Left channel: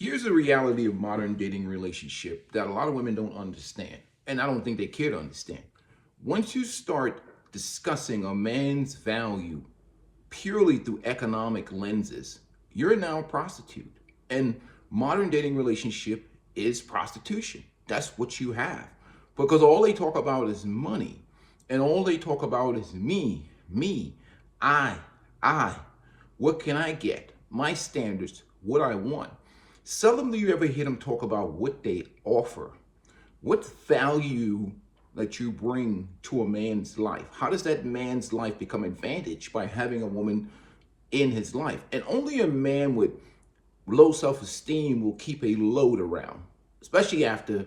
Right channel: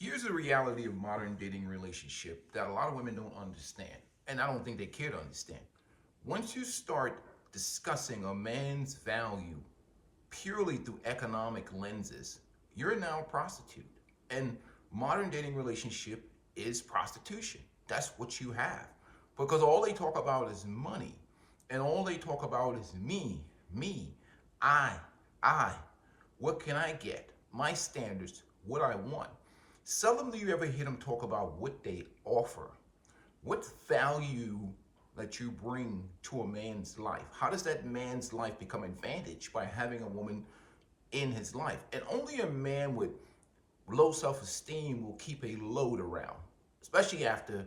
Here's the reality of modern dating relationship that a lot of women don't understand, and I don't think they care to understand. Once you start discussing a man's value purely through economic lenses, you're now a prostitute. And modern dating relationship is prostitution. That's what you have. Because all they talk about is money. And all they talk about is me, I, I. What can I get? My standards, what I want. Seldom do you ever hear them talk about what they offer. What value that you bring to a man's life? How does that man's life become advantaged by having a woman in his life? And only a man with low self-esteem will keep a load around, especially after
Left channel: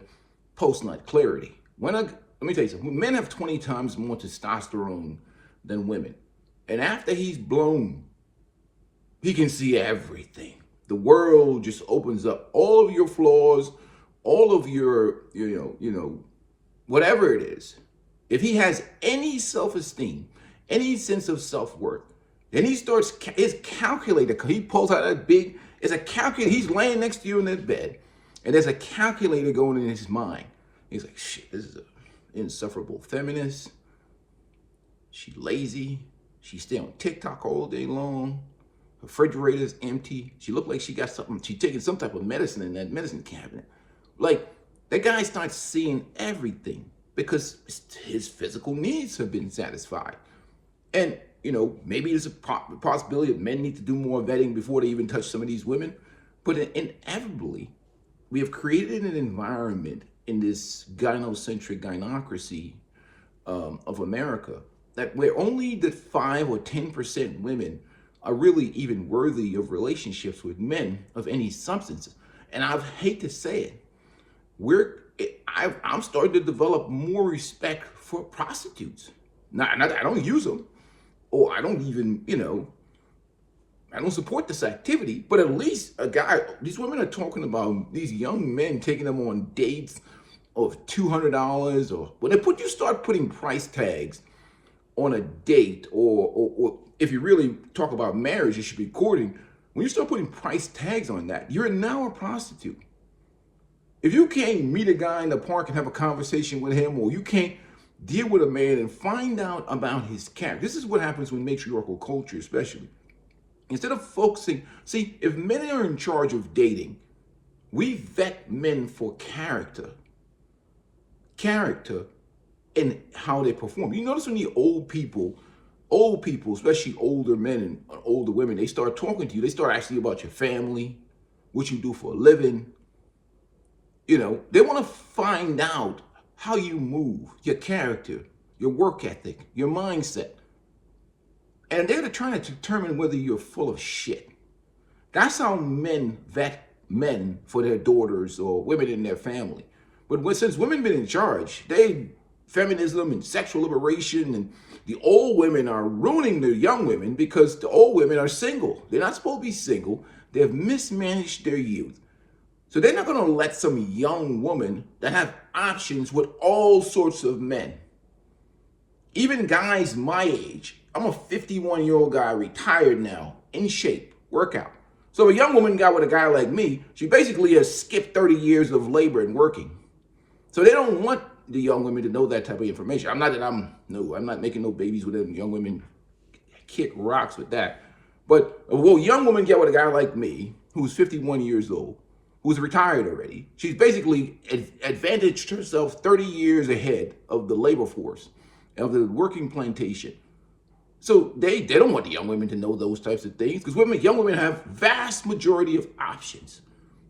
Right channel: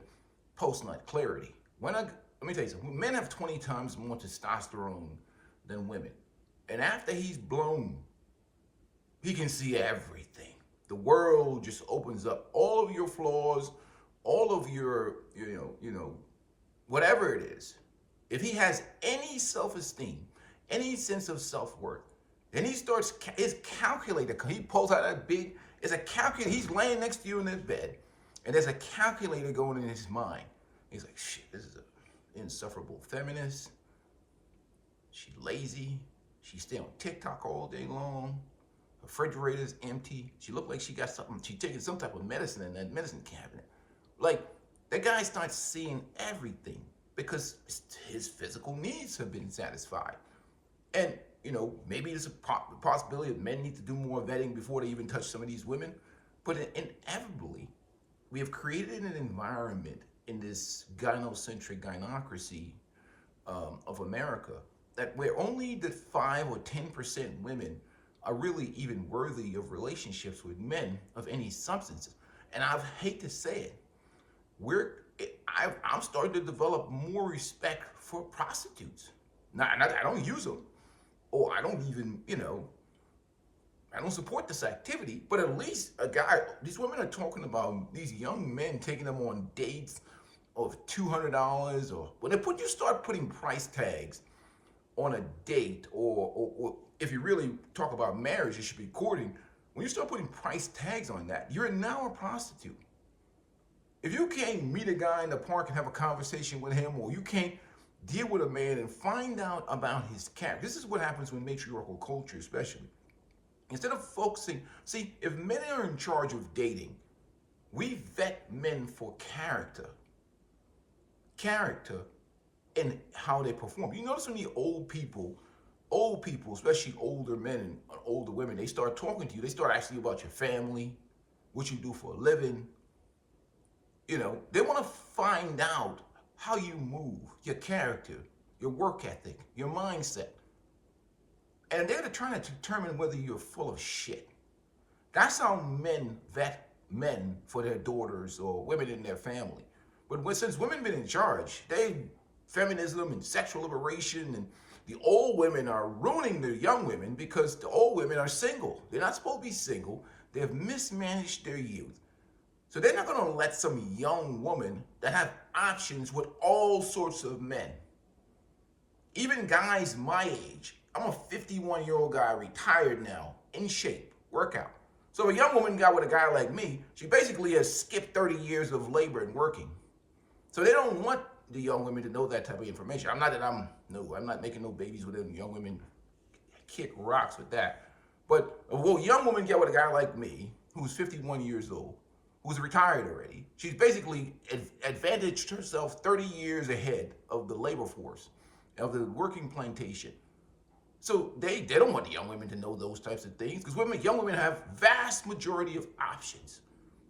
post-nut clarity. Let me tell you something. Men have 20 times more testosterone than women. And after he's blown, he can see everything. The world just opens up. All of your flaws, all of your, whatever it is. If he has any self-esteem, any sense of self-worth, then he starts his calculator. He pulls out that big, it's a calculator. He's laying next to you in that bed, and there's a calculator going in his mind. He's like, shit, this is an insufferable feminist. She's lazy. She stay on TikTok all day long. Her refrigerator's empty. She looked like she got something. She taking some type of medicine in that medicine cabinet. Like, that guy starts seeing everything because his physical needs have been satisfied. And, maybe there's a possibility that men need to do more vetting before they even touch some of these women. But inevitably, we have created an environment in this gynocentric gynocracy of America that where only the 5 or 10% women are really even worthy of relationships with men of any substance. And I hate to say it, I'm starting to develop more respect for prostitutes. Not I don't use them, or I don't even, I don't support this activity, but at least these women are talking about these young men taking them on dates of $200, or when you start putting price tags on a date, or if you really talk about marriage, you should be courting. When you start putting price tags on that, you're now a prostitute. If you can't meet a guy in the park and have a conversation with him, or you can't deal with a man and find out about his character, this is what happens with matriarchal culture, especially. Instead of focusing, see, if men are in charge of dating, we vet men for character and how they perform. You notice when the old people, especially older men and older women, they start talking to you, they start asking you about your family, what you do for a living. They want to find out how you move, your character, your work ethic, your mindset. And they're trying to determine whether you're full of shit. That's how men vet men for their daughters or women in their family. But since women been in charge, feminism and sexual liberation, and the old women are ruining the young women because the old women are single. They're not supposed to be single. They've mismanaged their youth. So they're not going to let some young woman that have options with all sorts of men. Even guys my age. I'm a 51-year-old guy, retired now, in shape, workout. So a young woman got with a guy like me, she basically has skipped 30 years of labor and working. So they don't want the young women to know that type of information. I'm not making no babies with them. Young women kick rocks with that. But a young woman get with a guy like me, who's 51 years old, who's retired already. She's basically advantaged herself 30 years ahead of the labor force, of the working plantation. So they don't want the young women to know those types of things, because young women have vast majority of options.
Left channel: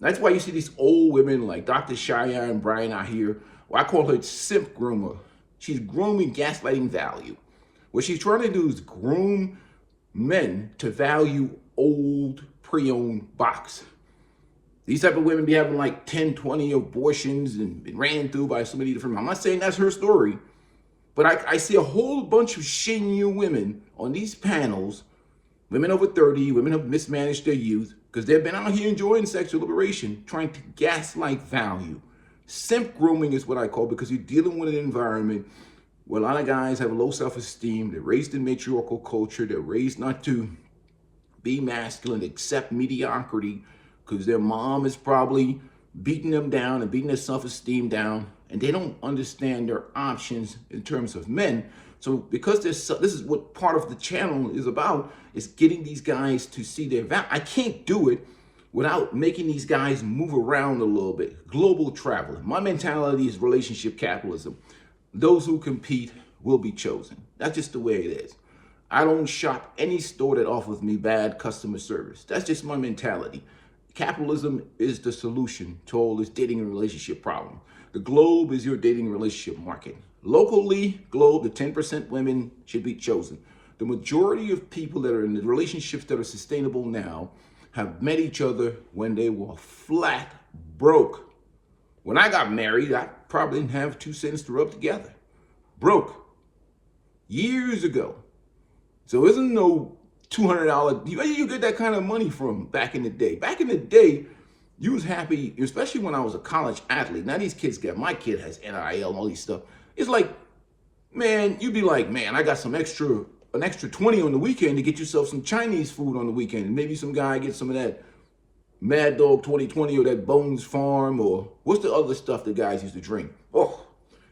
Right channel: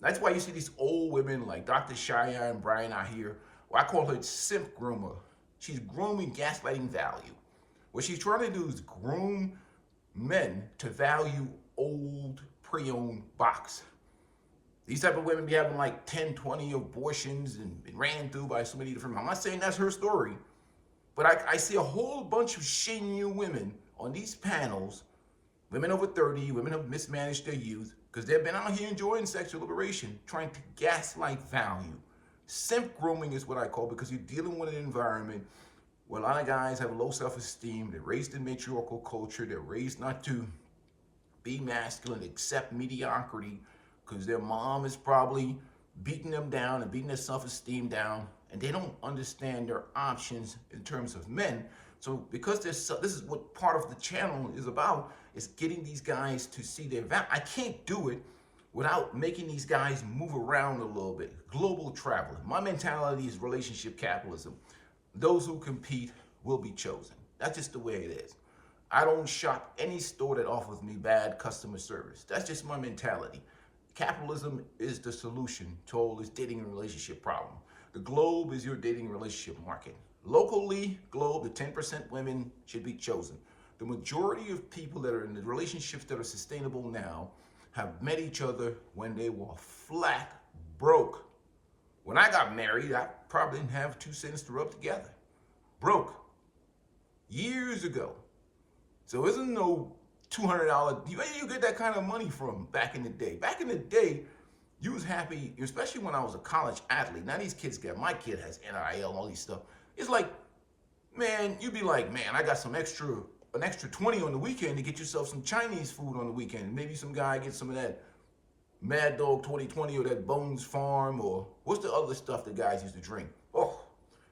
That's why you see these old women like Dr. Cheyenne Bryan out here. Well, I call her simp groomer. She's grooming, gaslighting value. What she's trying to do is groom men to value old pre-owned box. These type of women be having like 10, 20 abortions and been ran through by so many different. I'm not saying that's her story, but I see a whole bunch of shady women on these panels, women over 30, women have mismanaged their youth because they've been out here enjoying sexual liberation, trying to gaslight value. Simp grooming is what I call, because you're dealing with an environment where a lot of guys have low self-esteem. They're raised in matriarchal culture. They're raised not to be masculine, accept mediocrity. because their mom is probably beating them down and beating their self-esteem down, and they don't understand their options in terms of men. So because this is what part of the channel is about, is getting these guys to see their value. I can't do it without making these guys move around a little bit. Global travel. My mentality is relationship capitalism. Those who compete will be chosen. That's just the way it is. I don't shop any store that offers me bad customer service. That's just my mentality. Capitalism is the solution to all this dating and relationship problem. The globe is your dating relationship market. Locally, globe, the 10% women should be chosen. The majority of people that are in the relationships that are sustainable now have met each other when they were flat broke. When I got married, I probably didn't have 2 cents to rub together. Broke. Years ago. So isn't no $200, where you get that kind of money from back in the day? Back in the day, you was happy, especially when I was a college athlete. Now these kids my kid has NIL and all these stuff. It's like, man, you'd be like, man, I got an extra 20 on the weekend to get yourself some Chinese food on the weekend. And maybe some guy gets some of that Mad Dog 2020 or that Bones Farm, or what's the other stuff that guys used to drink? Oh,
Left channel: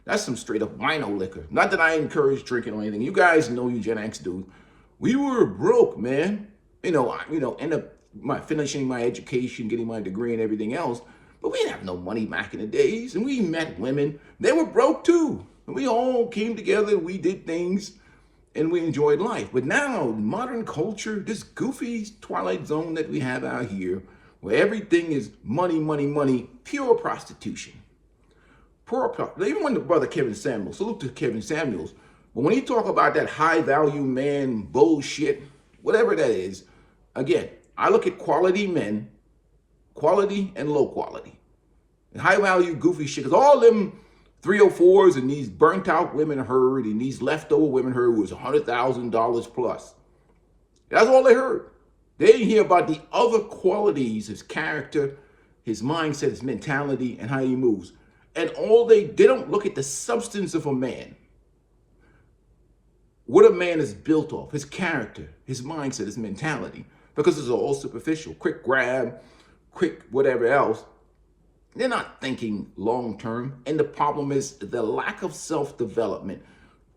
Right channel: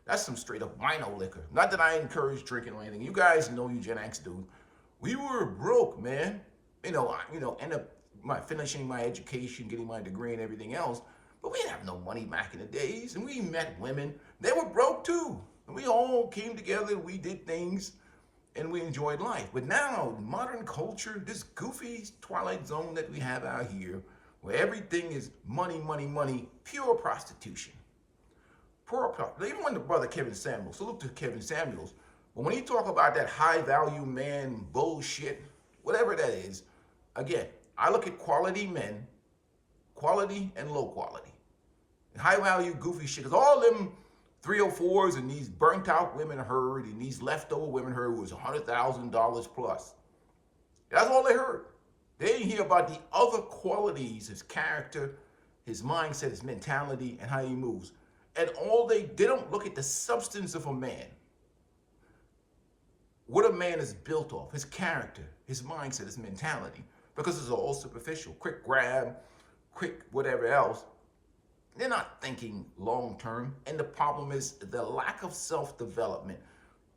that's some straight up wino liquor. Not that I encourage drinking or anything. You guys know, you Gen X dudes. We were broke, man. End up finishing my education, getting my degree and everything else. But we didn't have no money back in the days. And we met women. They were broke too. And we all came together. We did things and we enjoyed life. But now, modern culture, this goofy Twilight Zone that we have out here, where everything is money, money, money, pure prostitution. Even when the brother Kevin Samuels, salute to Kevin Samuels, but when he talk about that high value man bullshit, whatever that is, again, I look at quality men, quality and low quality. And high value goofy shit, because all them 304s and these burnt out women heard and these leftover women heard was $100,000 plus. That's all they heard. They didn't hear about the other qualities, his character, his mindset, his mentality, and how he moves. And they don't look at the substance of a man. What a man is built off, his character, his mindset, his mentality, because it's all superficial, quick grab, quick whatever else. They're not thinking long term. And the problem is the lack of self-development.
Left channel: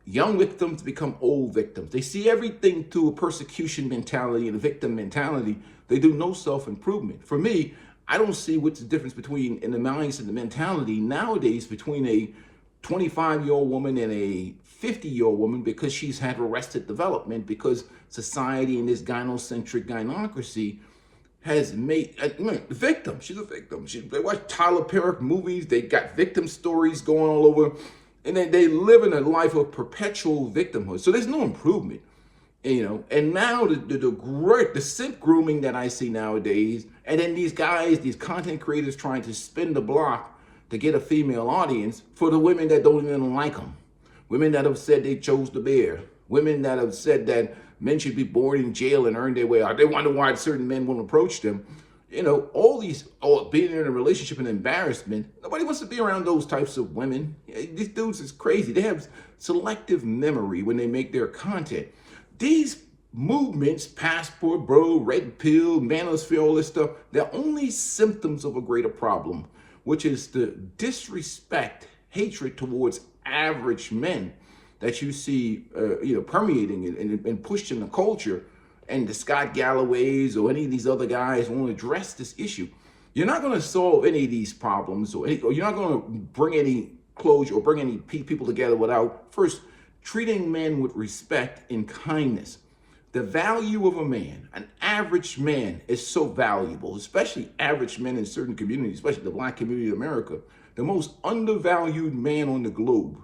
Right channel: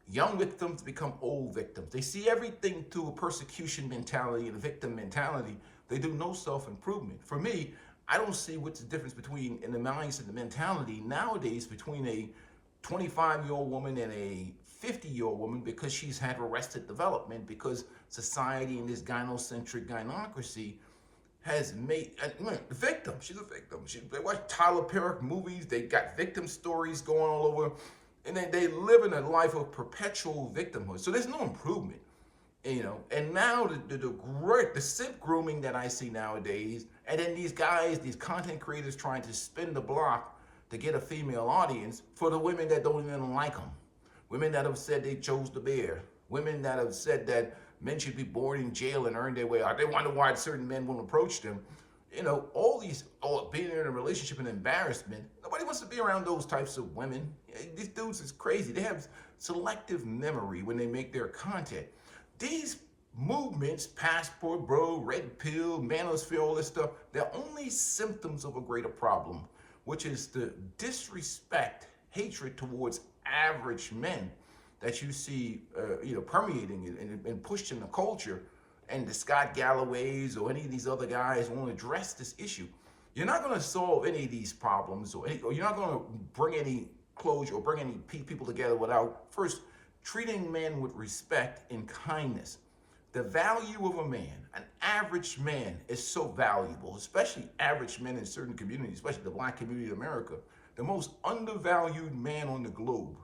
Young victims become old victims. They see everything through a persecution mentality and a victim mentality. They do no self-improvement. For me, I don't see what's the difference between, in the mindset and the mentality nowadays, between a 25-year-old woman and a 50-year-old woman, because she's had arrested development, because society and this gynocentric gynocracy has made the victim. She's a victim. They watch Tyler Perry movies. They got victim stories going all over, and they live in a life of perpetual victimhood. So there's no improvement, And now the simp grooming that I see nowadays, and then these guys, these content creators trying to spin the block to get a female audience for the women that don't even like them. Women that have said they chose the bear. Women that have said that men should be born in jail and earn their way out. They wonder why certain men won't approach them. All these, being in a relationship and embarrassment. Nobody wants to be around those types of women. These dudes is crazy. They have selective memory when they make their content. These movements, Passport, Bro, Red Pill, Manosphere, all this stuff, they're only symptoms of a greater problem, which is the disrespect, hatred towards average men that you see, permeating and pushed in the culture. And the Scott Galloways or any of these other guys won't address this issue. You're not going to solve any of these problems, or you're not going to bring any closure or bring any people together without first treating men with respect and kindness. The value of a man, an average man, is so valuable, especially average men in certain communities, especially the Black community of America, the most undervalued man on the globe.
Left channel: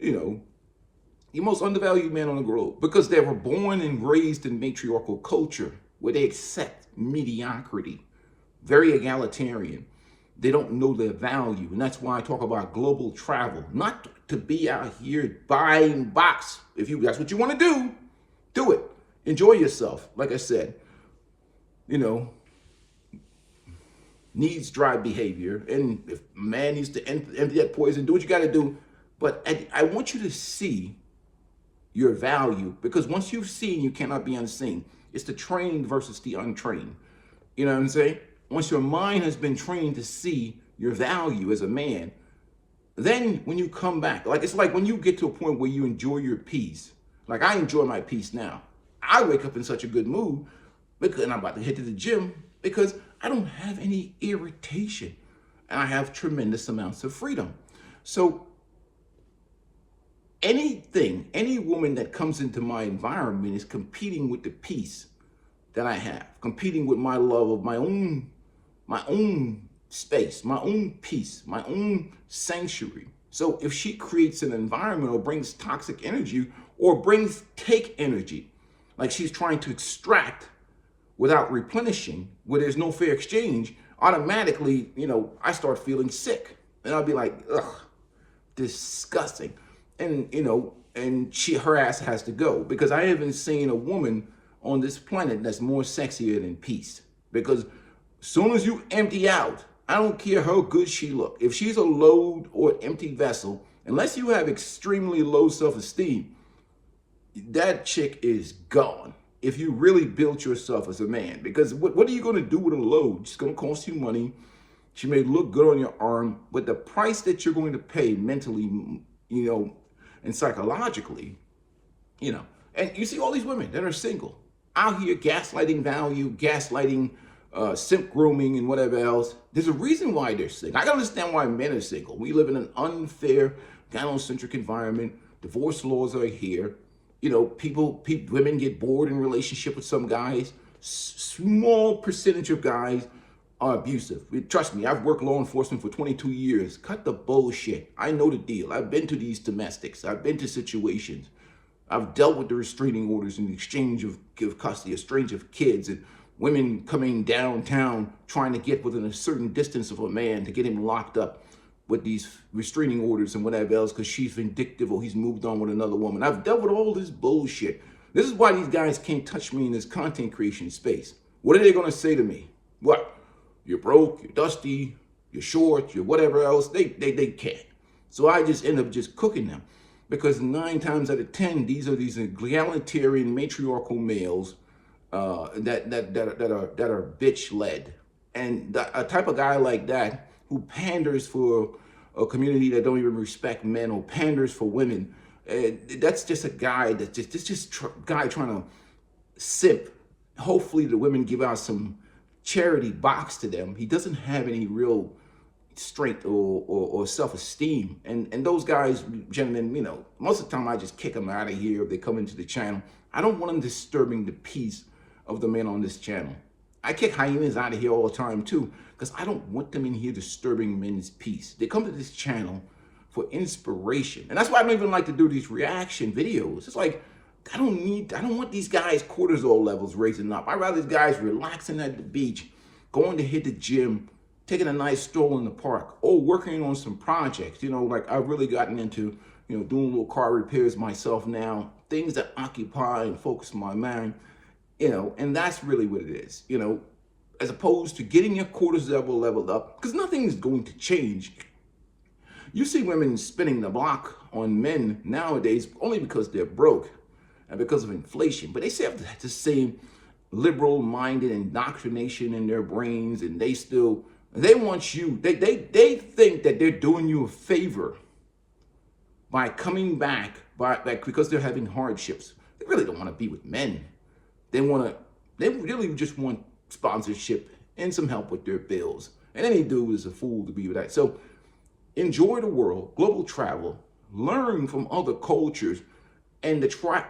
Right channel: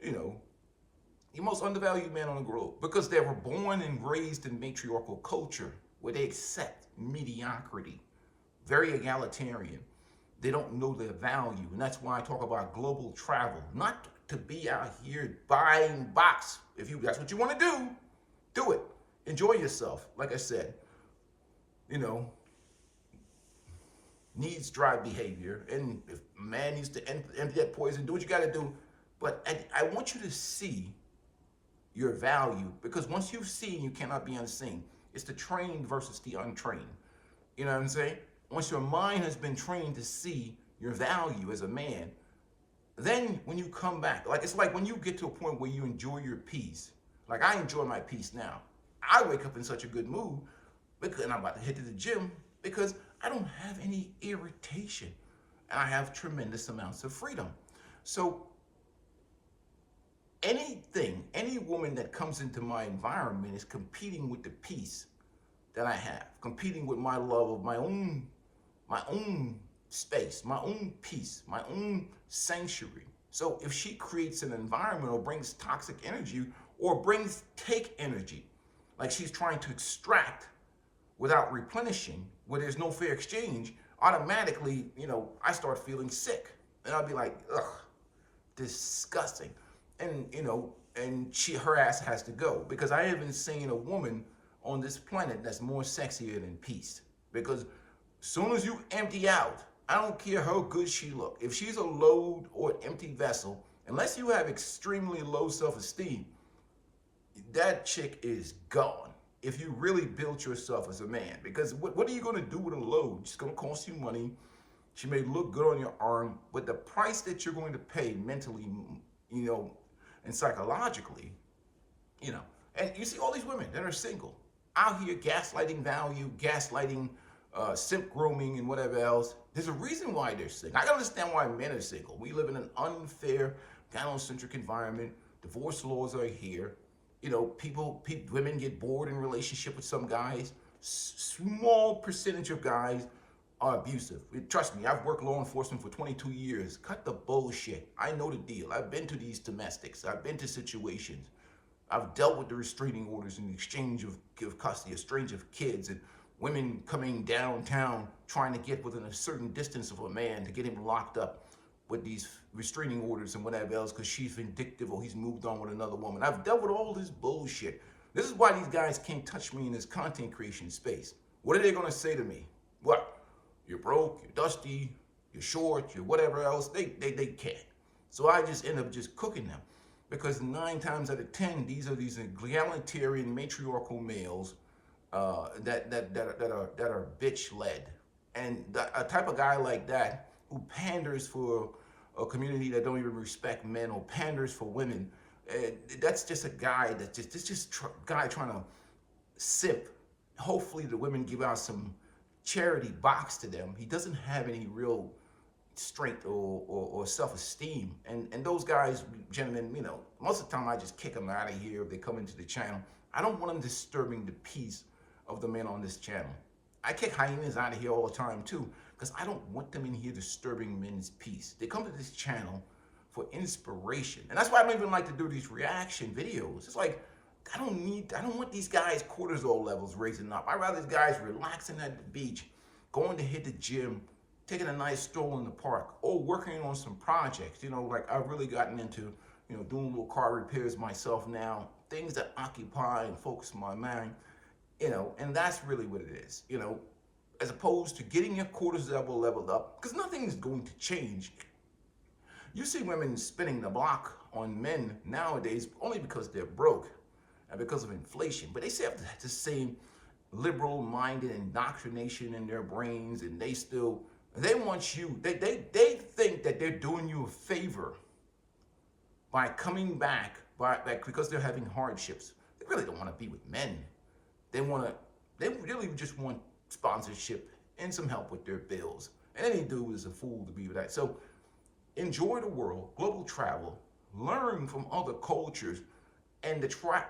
The most undervalued man on the globe, because they were born and raised in matriarchal culture where they accept mediocrity, very egalitarian. They don't know their value. And that's why I talk about global travel, not to be out here buying box. If that's what you want to do it. Enjoy yourself. Like I said, needs drive behavior. And if a man needs to empty that poison, do what you got to do. But I want you to see your value, because once you've seen, you cannot be unseen. It's the trained versus the untrained. You know what I'm saying? once your mind has been trained to see your value as a man, then when you come back, like it's like when you get to a point where you enjoy your peace. Like I enjoy my peace now. I wake up in such a good mood because, and I'm about to head to the gym because I don't have any irritation and I have tremendous amounts of freedom. So any woman that comes into my environment is competing with the peace that I have, competing with my love of my own space, my own peace, my own sanctuary. So if she creates an environment or brings toxic energy or brings take energy, like she's trying to extract without replenishing, where there's no fair exchange, automatically, I start feeling sick. And I'll be like, ugh, disgusting. And, her ass has to go because I haven't seen a woman on this planet that's more sexier than peace. Because soon as you empty out, I don't care how good she look. If she's a load or empty vessel, unless you have extremely low self-esteem, that chick is gone. If you really built yourself as a man, because what are you going to do with a load? It's going to cost you money. She may look good on your arm, but the price that you're going to pay mentally, and psychologically, and you see all these women that are single out here gaslighting value, gaslighting, simp grooming and whatever else. There's a reason why they're single. I can understand why men are single. We live in an unfair, gynocentric environment. Divorce laws are here. Women get bored in relationship with some guys. Small percentage of guys are abusive. Trust me, I've worked law enforcement for 22 years. Cut the bullshit. I know the deal. I've been to these domestics. I've been to situations. I've dealt with the restraining orders and the exchange of custody, exchange of kids, and women coming downtown trying to get within a certain distance of a man to get him locked up with these restraining orders and whatever else because she's vindictive or he's moved on with another woman. I've dealt with all this bullshit. This is why these guys can't touch me in this content creation space. What are they going to say to me? What? You're broke, you're dusty, you're short, you're whatever else. They can't. So I just end up just cooking them because 9 times out of 10, these are these egalitarian matriarchal males that are bitch led, and a type of guy like that who panders for a community that don't even respect men or panders for women. That's just a guy guy trying to simp. Hopefully the women give out some charity box to them. He doesn't have any real strength or self-esteem. And those guys, gentlemen, most of the time I just kick them out of here if they come into the channel. I don't want them disturbing the peace of the men on this channel. I kick hyenas out of here all the time too, because I don't want them in here disturbing men's peace. They come to this channel for inspiration. And that's why I don't even like to do these reaction videos. It's like, I don't want these guys' cortisol levels raising up. I'd rather these guys relaxing at the beach, going to hit the gym, taking a nice stroll in the park, or working on some projects. Like I've really gotten into, doing little car repairs myself now, things that occupy and focus my mind, and that's really what it is, as opposed to getting your cortisol leveled up, because nothing is going to change. You see women spinning the block on men nowadays only because they're broke and because of inflation, but they still have the same liberal-minded indoctrination in their brains, and they want you, they think that they're doing you a favor by coming back because they're having hardships. They really don't want to be with men. They really just want sponsorship and some help with their bills. And any dude is a fool to be with that. So enjoy the world, global travel, learn from other cultures, and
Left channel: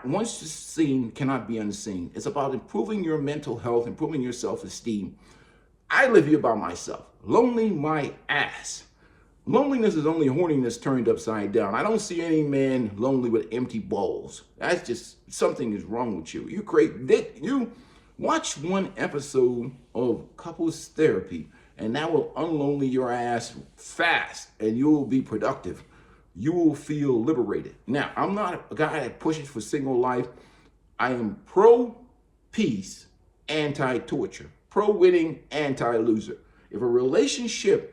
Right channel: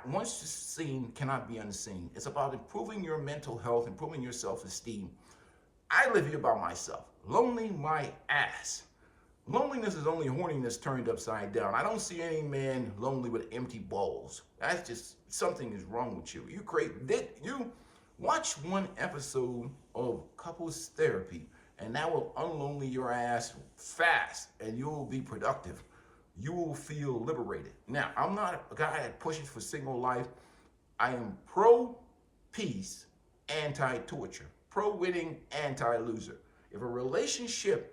once the seen cannot be unseen. It's about improving your mental health, improving your self-esteem. I live here by myself, lonely my ass. Loneliness is only horniness turned upside down. I don't see any man lonely with empty balls. That's just, something is wrong with you. You watch one episode of couples therapy, and that will unlonely your ass fast, and you will be productive. You will feel liberated. Now, I'm not a guy that pushes for single life. I am pro-peace, anti-torture, pro-winning, anti-loser. If a relationship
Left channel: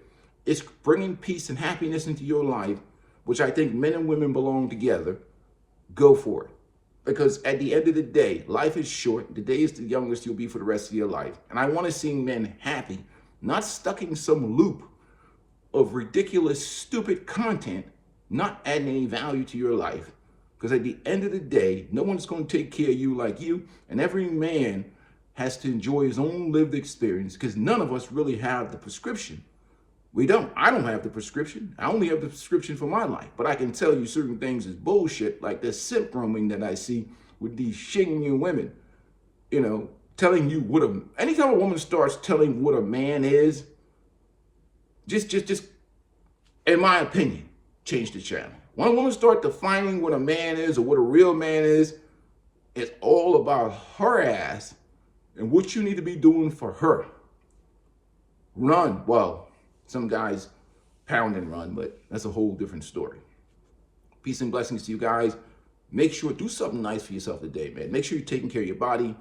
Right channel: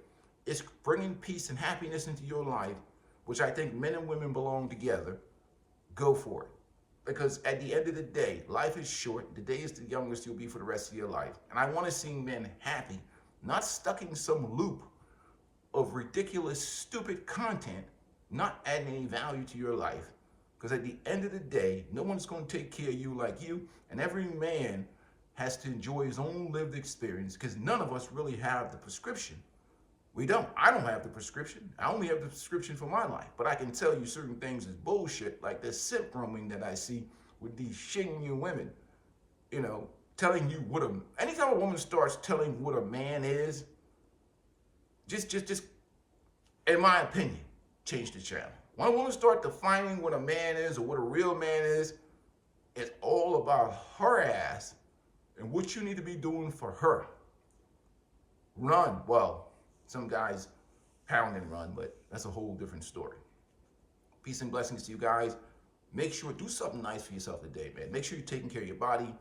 is bringing peace and happiness into your life, which I think men and women belong together, go for it. Because at the end of the day, life is short. The day is the youngest you'll be for the rest of your life. And I want to see men happy not stuck in some loop of ridiculous, stupid content, not adding any value to your life. Because at the end of the day, no one's going to take care of you like you, and every man has to enjoy his own lived experience, because none of us really have the prescription. We don't. I don't have the prescription. I only have the prescription for my life. But I can tell you certain things is bullshit, like this simp roaming that I see with these shinging women, telling you what anytime a woman starts telling what a man is, just, in my opinion, change the channel. When a woman starts defining what a man is or what a real man is, it's all about her ass and what you need to be doing for her. Run. Well, some guys pound and run, but that's a whole different story. Peace and blessings to you guys. Make sure, do something nice for yourself today, man. Make sure you're taking care of your body.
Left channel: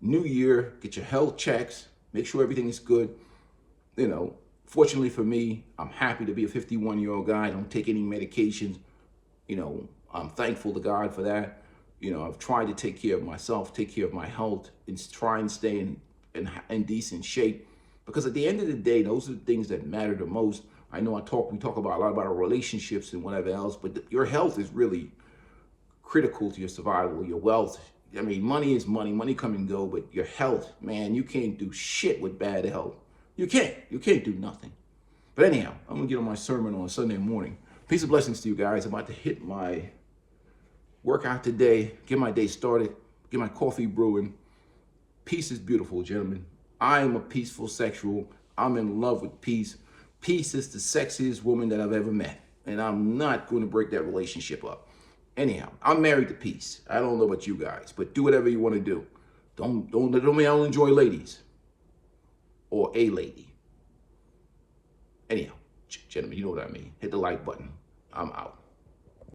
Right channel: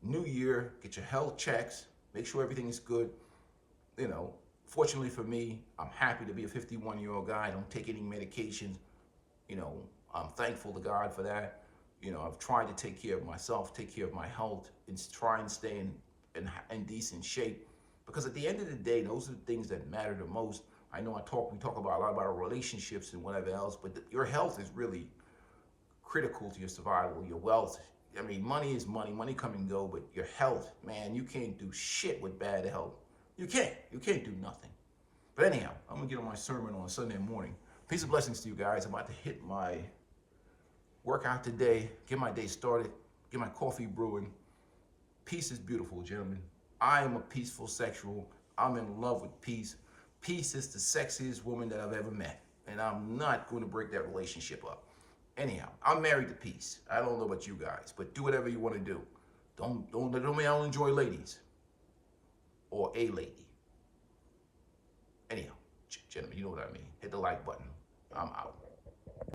New year, get your health checks. Make sure everything is good. Fortunately for me, I'm happy to be a 51-year-old guy. I don't take any medications. I'm thankful to God for that. I've tried to take care of myself, take care of my health, and try and stay in decent shape. Because at the end of the day, those are the things that matter the most. I know we talk about a lot about our relationships and whatever else, but your health is really critical to your survival, your wealth. I mean, money is money. Money come and go, but your health, man, you can't do shit with bad health. You can't do nothing. But anyhow, I'm gonna get on my sermon on Sunday morning. Peace and blessings to you guys. I'm about to hit my workout today, get my day started, get my coffee brewing. Peace is beautiful, gentlemen. I am a peaceful sexual. I'm in love with peace. Peace is the sexiest woman that I've ever met. And I'm not going to break that relationship up. Anyhow, I'm married to peace. I don't know about you guys, but do whatever you want to do. Don't mean I don't enjoy ladies. Or a lady. Anyhow, gentlemen, you know what I mean. Hit the like button. I'm out.